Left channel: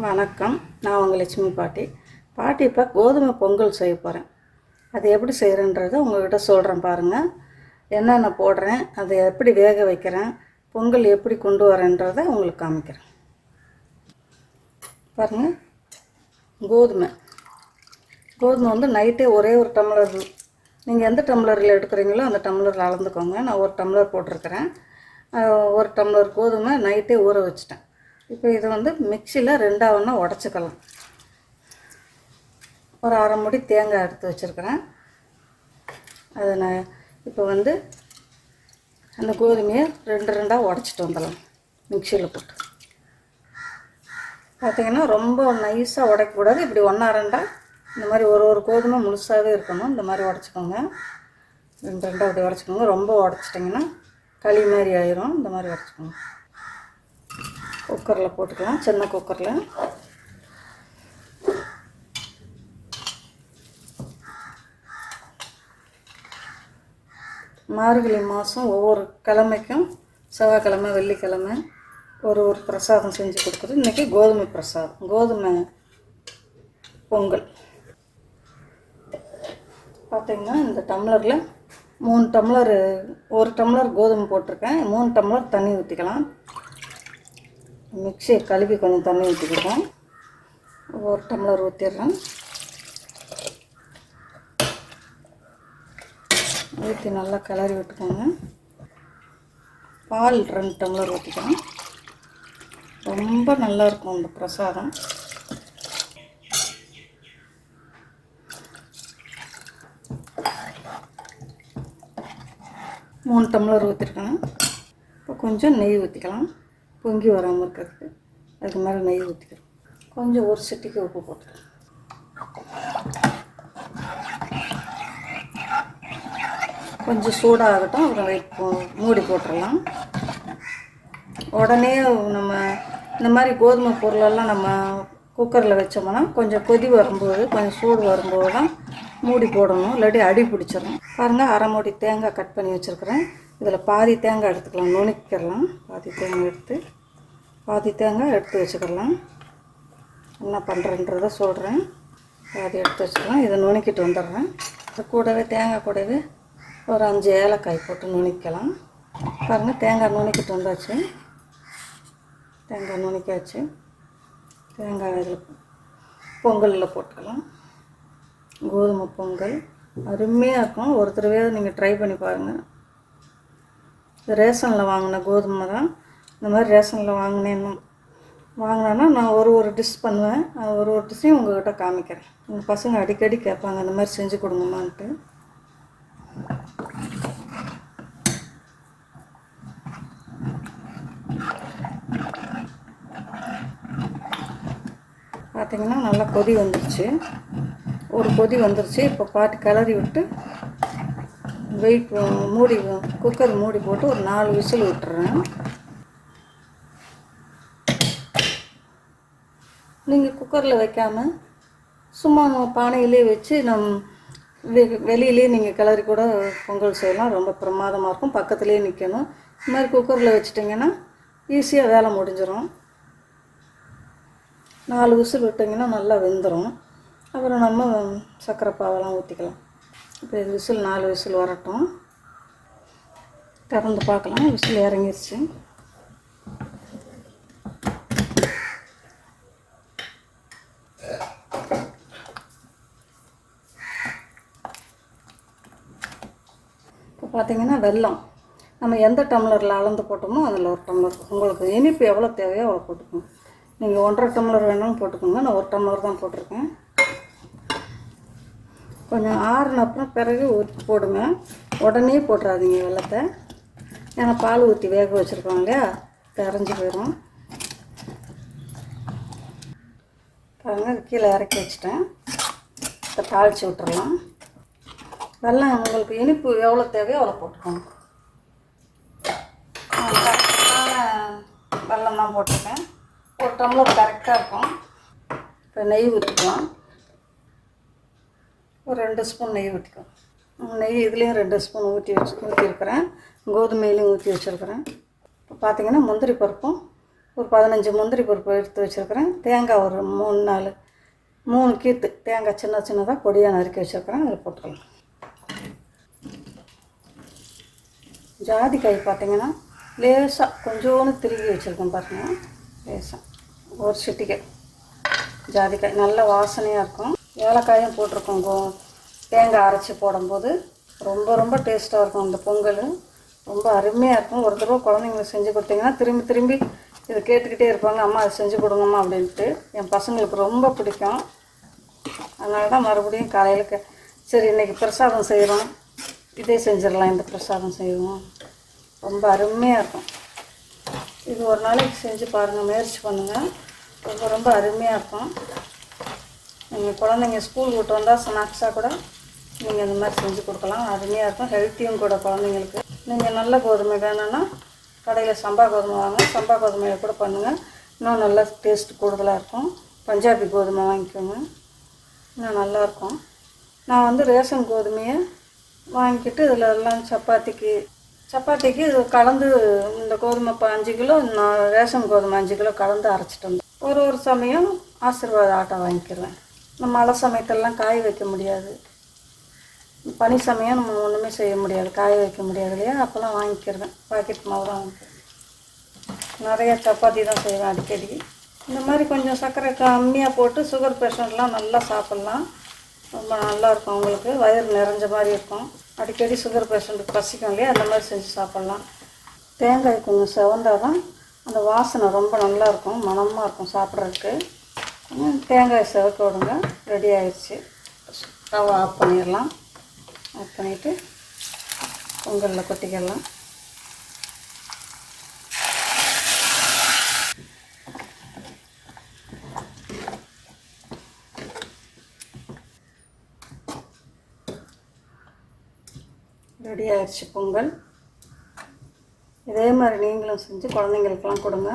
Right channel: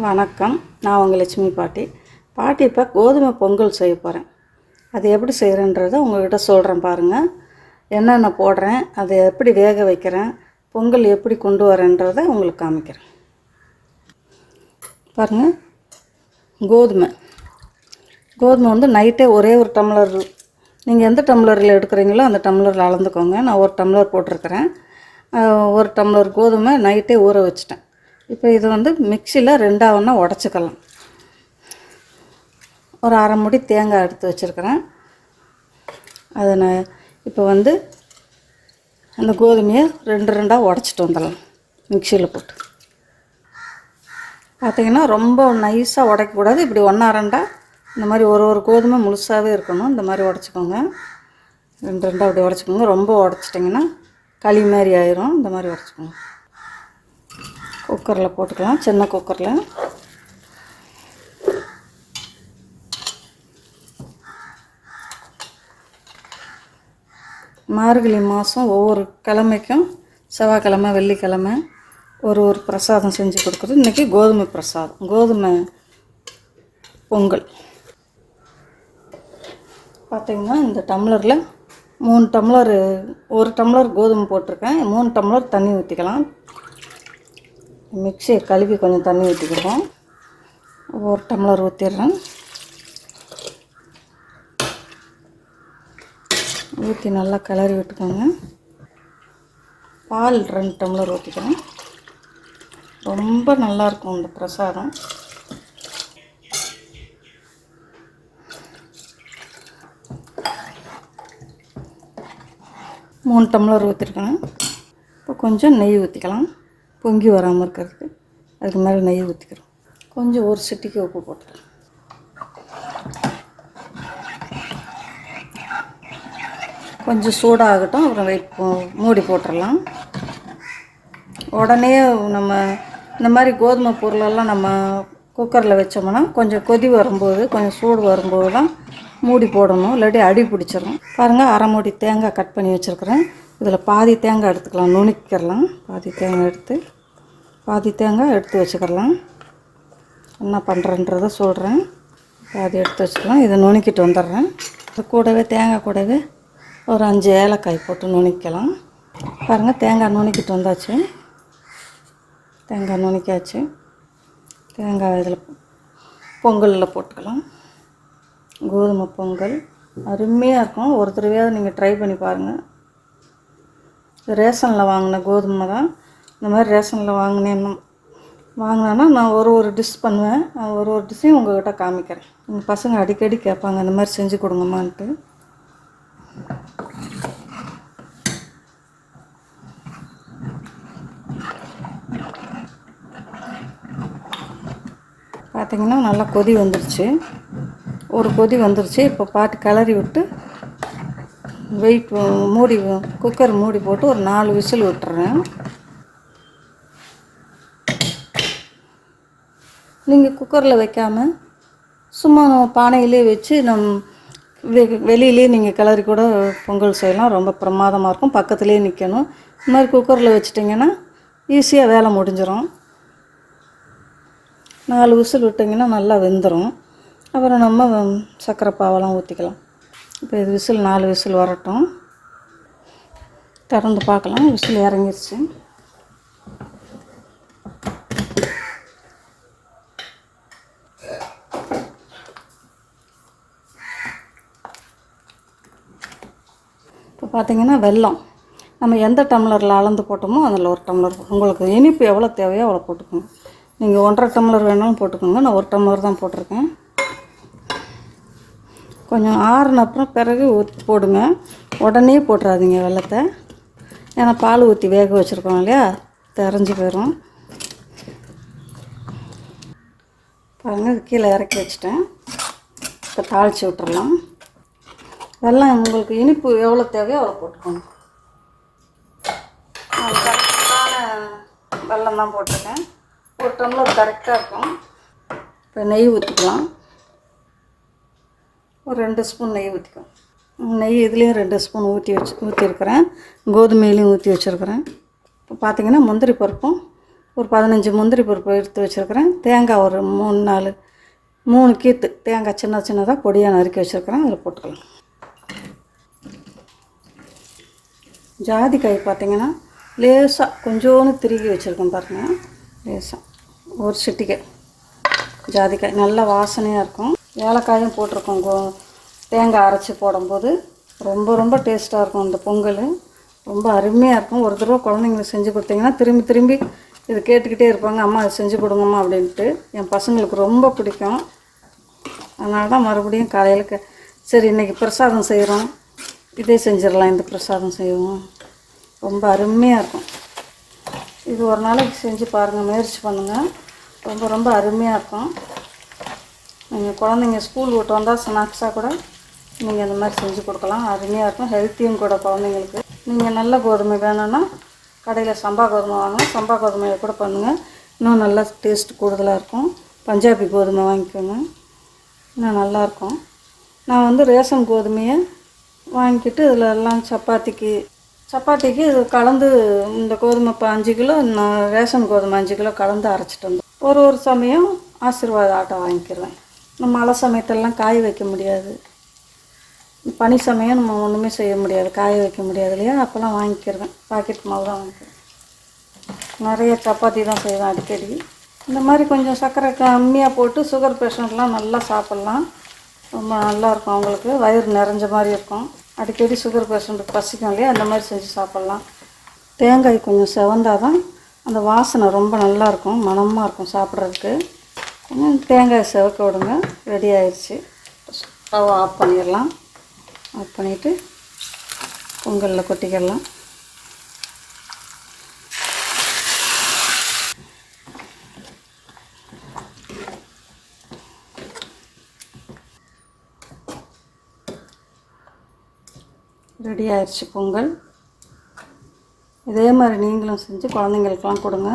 வணக்கம். நான் உங்கள் லட்சுமி பாட்டி. பாட்டி இப்போ கோதுமை பொங்கல் செய்ய போகிறேன் அது எப்படி செய்கிறேன்றதை உங்கள்கிட்ட சொல்கிறேன் பாருங்கள் என்னென்ன போடுறேன் அதை எப்படி வேக வைக்கிறேன் பொங்கல் எப்படி கொண்டு வரேன்றதை உங்களுக்கு காமிக்கிறேன். பாருங்கள் கோதுமை. கோதுமை வந்து நைட்டே ஒரே ஒரு டம்ளர் நீங்கள் எந்த டம்ளரில் எடுக்கிறீங்களோ அந்த டம்ளரில் அளந்துக்கோங்க. நான் ஒரு டம்ளர் போட்டிருக்கிறேன். ஒரு டம்ளர் கோதுமை நைட்டே ஊற வச்சிட்டேன். இப்போ இது வந்து மிக்சியில் ரெண்டாக ஒன்றா உடச்சிக்கலாம். ஒரு அரை முடி தேங்காய் எடுத்து வச்சுருக்கிறேன். அதை நான் இப்போ வந்து அந்த கோதுமையை ரெண்டு ரெண்டாக உடச்சிட்டு வந்துடலாம் மிக்சியில் போட்டு. பார்த்தீங்கன்னா ரொம்ப நைஸாக உடைக்கக்கூடாது. இப்படி ஒன்றா ரெண்டாக இந்த மாதிரி ஒரு ஒரு கோதுமை முழுசாகவே இருக்கணும். இந்த மாதிரி உடச்சிக்கோங்க. ரெண்டு ரெண்டாக அப்படி உடச்சிக்கோங்க. ரொம்ப உடச்சிட்டிங்கன்னா களி மாதிரி ஆயிரும். இந்த மாதிரி உடச்சிக்கோங்க. குக்கரில் போட்டுக்கலாம். சின்ன குக்கரில். மார்கழி மாதம் ஒவ்வொரு கிழமைக்கும் செவ்வாய்க்கிழமை வெள்ளிக்கிழமை ஒரு ஒரு பிரசாதம் செஞ்சு கொடுக்குறது. இன்றைக்கி கோதுமை பிரசாதம். கோதுமை பொங்கல். பார்த்திங்கன்னா இந்த டம்ளரில் மூணு டம்ளர் ஒரு டம்ளர் கோதுமை போட்டிருக்கேன். மூணு டம்ளர் தண்ணி ஊற்றிக்கலாம் மிக்சியை கழுவி கொஞ்சம் தண்ணி ஊற்றிக்கிறோம் ஒரு டம்ளர் ஊற்றிடுறேன் ஊற்றி நல்லா கிளறி விட்டுக்கோங்க. பால் ரெண்டு டம்ளர் ஊற்றிக்கலாம் ரொம்ப நல்லாயிருக்கும் இந்த பிரசாதம். மூணு டம்ளர் ஊற்றிருக்கேன் இப்போ கொஞ்சம் நெய் ஊற்றிக்கலாம் பொங்கி வராமல் இருக்கிறதுக்கு அதுக்கு மேலே நெய் ஊற்றிக்கிறோம் கொஞ்சம் ஒரு சிட்டிக்கு உப்பு போட்டுக்கலாம். கொஞ்சம் சூடாகட்டும் அப்புறம் வெயிட் மூடி போட்டுடலாம் உடனே நம்ம இந்த மாதிரி கோதுமை பொருளெல்லாம் நம்ம குக்கரில் வச்சோம்னா கொஞ்சம் கொதி வரும்போது கொஞ்சம் சூடு வரும்போது தான் மூடி போடணும் இல்லாட்டி அடி பிடிச்சிரும். பாருங்கள் அரை மூடி தேங்காய் கட் பண்ணி வச்சுருக்குறேன். இதில் பாதி தேங்காய் எடுத்துக்கலாம் நுணுக்கிடலாம் பாதி தேங்காய் எடுத்து பாதி தேங்காய் எடுத்து வச்சுக்கிடலாம் என்ன பண்ணுறன்றத சொல்கிறேன் பாதி எடுத்து வச்சுக்கலாம். இதை நுணுக்கிட்டு வந்துடுறேன். இது கூடவே தேங்காய் கூடவே ஒரு அஞ்சு ஏலக்காய் போட்டு நுணுக்கலாம் பாருங்கள் தேங்காய் நுணுக்கிட்டு வந்தாச்சு. தேங்காய் நுணுக்கியாச்சு. தேங்காய் இதில் பொங்கலில் போட்டுக்கலாம். கோதுமை பொங்கல். அருமையாக இருக்கும். ஒரு தடவையாவது நீங்கள் ட்ரை பண்ணி பாருங்கள் ரேஷனில் வாங்கின கோதுமை தான். இந்த மாதிரி ரேஷனில் வாங்கினேன்னு வாங்கினேன்னா நான் ஒரு ஒரு டிஷ் பண்ணுவேன். நான் ஒரு ஒரு டிஷ்ஷையும் உங்கள்கிட்ட காமிக்கிறேன். எங்கள் பசங்க அடிக்கடி கேட்பாங்க இந்த மாதிரி செஞ்சு கொடுங்கம்மான்ட்டு. பார்த்தீங்கன்னா நல்லா கொதி வந்துருச்சு. ஒரு கொதி வந்துருச்சு. இப்போ பாட்டு கிளறி விட்டு வெயிட் மூடி குக்கர் மூடி போட்டு ஒரு நாலு விசில் விட்டுறேன் நீங்கள் குக்கரில் வைக்காம சும்மா பானையிலே வச்சு நம் வெ வெளியிலே நீங்கள் கிளறி கூட பொங்கல் செய்யலாம். ரொம்ப பிரமாதமாக இருக்கும். பக்கத்துலேயே நிற்கணும் இந்த மாதிரி குக்கரில் வச்சிட்டிங்கன்னா ஈஸியாக வேலை முடிஞ்சிடும் நாலு விசில் விட்டிங்கன்னா நல்லா வெந்துடும் அப்புறம் நம்ம சர்க்கரை பாவெல்லாம் ஊற்றிக்கலாம் இப்போ இது விசில் நாலு விசில் வரட்டும். திறந்து பார்க்கலாம். விசில் இறங்கிருச்சு. இப்போ பார்த்தீங்கன்னா வெல்லம் நம்ம எந்த டம்ளரில் அளந்து போட்டோமோ அதில் ஒரு டம்ளர். உங்களுக்கு இனிப்பு எவ்வளோ தேவையோ அவ்வளோ போட்டுக்கோங்க. நீங்கள் ஒன்றரை டம்ளர் வேணாலும் போட்டுக்கோங்க. நான் ஒரு டம்ளர் தான் போட்டிருக்கேன். கொஞ்சம் ஆறுன அப்புறம் பிறகு ஊற்றி போடுங்க. உடனே போட்டுறாதீங்க வெள்ளத்தை. ஏன்னா பால் ஊற்றி வேக வச்சுருக்கோம் இல்லையா? தெரிஞ்சு போயிடும் பாருங்கள் கீழே இறக்கி வச்சுட்டேன். இப்போ தாளித்து விட்டுறலாம். வெள்ளம் உங்களுக்கு இனிப்பு எவ்வளோ தேவையோ அவ்வளோ போட்டுக்கோங்க. வெள்ளம் வெல்லம் தான் போட்டிருக்கேன். ஒரு டம்ளர் கரெக்டாக இருக்கும். இப்போ நெய் ஊற்றிக்கலாம் ஒரு ரெண்டு ஸ்பூன் நெய் ஊற்றிக்கும் நெய் இதுலேயும் ரெண்டு ஸ்பூன் ஊற்றி வச்சு ஊற்றிருக்கிறேன் கோதுமையிலையும் ஊற்றி வச்சுருக்கிறேன். இப்போ பார்த்திங்கன்னா முந்திரி பருப்பும் ஒரு பதினஞ்சு முந்திரி பருப்பு எடுத்து வச்சுருக்கிறேன். தேங்காய் ஒரு மூணு நாலு மூணு கீத்து தேங்காய் சின்ன சின்னதாக பொடியாக நறுக்கி வச்சுருக்கிறேன். அதில் போட்டுக்கலாம். ஜாதிக்காய் பார்த்திங்கன்னா லேசாக கொஞ்சோன்னு திருகி வச்சுருக்கேன் பாருங்கள் லேசாக ஒரு சிட்டிக்காய் ஜாதிக்காய். நல்ல வாசனையாக இருக்கும். ஏலக்காயும் போட்டிருக்கோம் கோ தேங்காய் அரைச்சி போடும்போது ரொம்ப ரொம்ப டேஸ்ட்டாக இருக்கும் இந்த பொங்கல். ரொம்ப அருமையாக இருக்கும். ஒரு தடவை குழந்தைங்களுக்கு செஞ்சு கொடுத்தீங்கன்னா திரும்பி திரும்பி இது கேட்டுக்கிட்டே இருப்பாங்க. அம்மா அதை செஞ்சு கொடுங்கம்மா அப்படின்ட்டு. என் பசங்களுக்கு ரொம்ப பிடிக்கும். அதனால தான் மறுபடியும் காலையில் க சரி இன்றைக்கி பிரசாதம் செய்கிறோம் இதே செஞ்சிடலாம். இந்த பிரசாதம் செய்வோம். ரொம்ப அருமையாக இருக்கும். இது ஒரு நாளைக்கு செஞ்சு பாருங்கள் முயற்சி பண்ணுங்கள் ரொம்ப ரொம்ப அருமையாக இருக்கும். நீங்கள் குழந்தைங்க ஸ்கூல் விட்டு வந்தால் ஸ்நாக்ஸாக கூட நீங்கள் இந்த மாதிரி செஞ்சு கொடுக்கலாம். அருமையாக இருக்கும். ஹெல்த்தியும் கூட குழந்தைங்களுக்கு. நீங்கள் நல்ல கோதுமை வேணும்னா கடையில் சம்பா கோதுமை வாங்க சம்பா கோதுமையை கூட பண்ணுங்கள் இன்னும் நல்லா டேஸ்ட் கூடுதலாக இருக்கும். பஞ்சாபி கோதுமை வாங்கிக்கோங்க. இன்னும் நல்லாயிருக்கும் நான் வந்து ரேஷன் கோதுமையை வாங்கிக்கிட்டு இதில் எல்லாம் சப்பாத்திக்கு சப்பாத்திக்கு இது கலந்து இந்த கோதுமை இப்போ அஞ்சு கிலோ நான் ரேஷன் கோதுமை அஞ்சு கிலோ கலந்து அரைச்சிட்டு வந்தேன். ஒரு ஒரு சமயம் ஆசீர்வாத ஆட்டை வாங்கிக்கிறேன். நம்ம மழை சமயத்தெல்லாம் காய வைக்க முடியாது. பனி சமயம் நம்ம ஒன்றுமே செய்ய முடியாது. காய வைக்க முடியாது இல்லையா? அப்போல்லாம் வாங்கிக்கிடுவேன் பாக்கெட் மாவு தான் வாங்கிக்கிறேன். நிறைய சப்பாத்தி தான் செய்வேன் அடிக்கடி. இந்த மாதிரி கொஞ்சம் சர்க்கரை கம்மியாக போட்டு சுகர் பேஷண்ட்லாம் நல்லா சாப்பிட்லாம். ரொம்ப நல்லாயிருக்கும் அவங்களுக்கு. வயிறு நிறைஞ்ச மாதிரி இருக்கும். அடிக்கடி சுகர் பேஷண்ட்டுக்கு பசிக்கும் இல்லையா? அந்த மாதிரி செஞ்சு சாப்பிட்லாம். தேங்காய் கொஞ்சம் செவந்தால் தான் அந்த வாசனை ரொம்ப நல்லாயிருக்கும் மணமாக இருக்கும் சாப்பிட்றதுக்கு. தேங்காய் செவக்க விடுங்க. ரெடி ஆயிடுச்சு ஸ்டவ் ஆஃப் பண்ணிடலாம். ஆஃப் பண்ணிவிட்டு பொங்கலில் கொட்டிக்கிடலாம் ரெடி ஆயிடுச்சு பொங்கல். இதே மாதிரி நீங்களும் செஞ்சு குழந்தைங்களுக்கெல்லாம் கொடுங்க.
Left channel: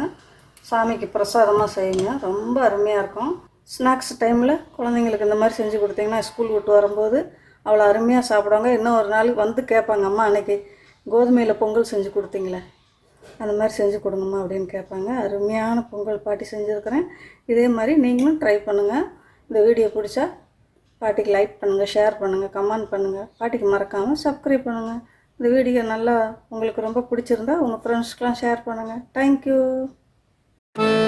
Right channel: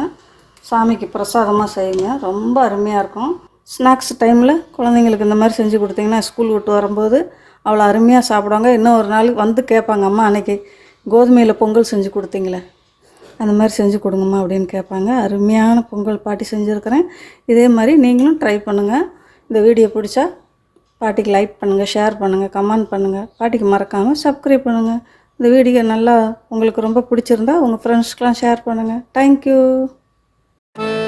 சாமிக்கு பிரசாதமாக செய்யுங்க. ரொம்ப அருமையாக இருக்கும். ஸ்நாக்ஸ் டைமில் குழந்தைங்களுக்கு இந்த மாதிரி செஞ்சு கொடுத்தீங்கன்னா ஸ்கூல் விட்டு வரும்போது அவ்வளோ அருமையாக சாப்பிடுவாங்க. இன்னும் ஒரு நாள் வந்து கேட்பாங்க அம்மா அன்னைக்கு கோதுமையில் பொங்கல் செஞ்சு கொடுத்தீங்களே அந்த மாதிரி செஞ்சு கொடுங்கம்மா அப்படின்னு கேட்பாங்க. அருமையான பொங்கல் பாட்டி செஞ்சுருக்கிறேன். இதே மாதிரி நீங்களும் ட்ரை பண்ணுங்கள் இந்த வீடியோ பிடிச்சா பாட்டிக்கு லைக் பண்ணுங்கள் ஷேர் பண்ணுங்கள் கமெண்ட் பண்ணுங்கள் பாட்டிக்கு மறக்காமல் சப்ஸ்கிரைப் பண்ணுங்கள் இந்த வீடியோ நல்லா உங்களுக்கு ரொம்ப பிடிச்சிருந்தா உங்கள் ஃப்ரெண்ட்ஸ்க்கெலாம் ஷேர் பண்ணுங்கள் தேங்க்யூ Thank you.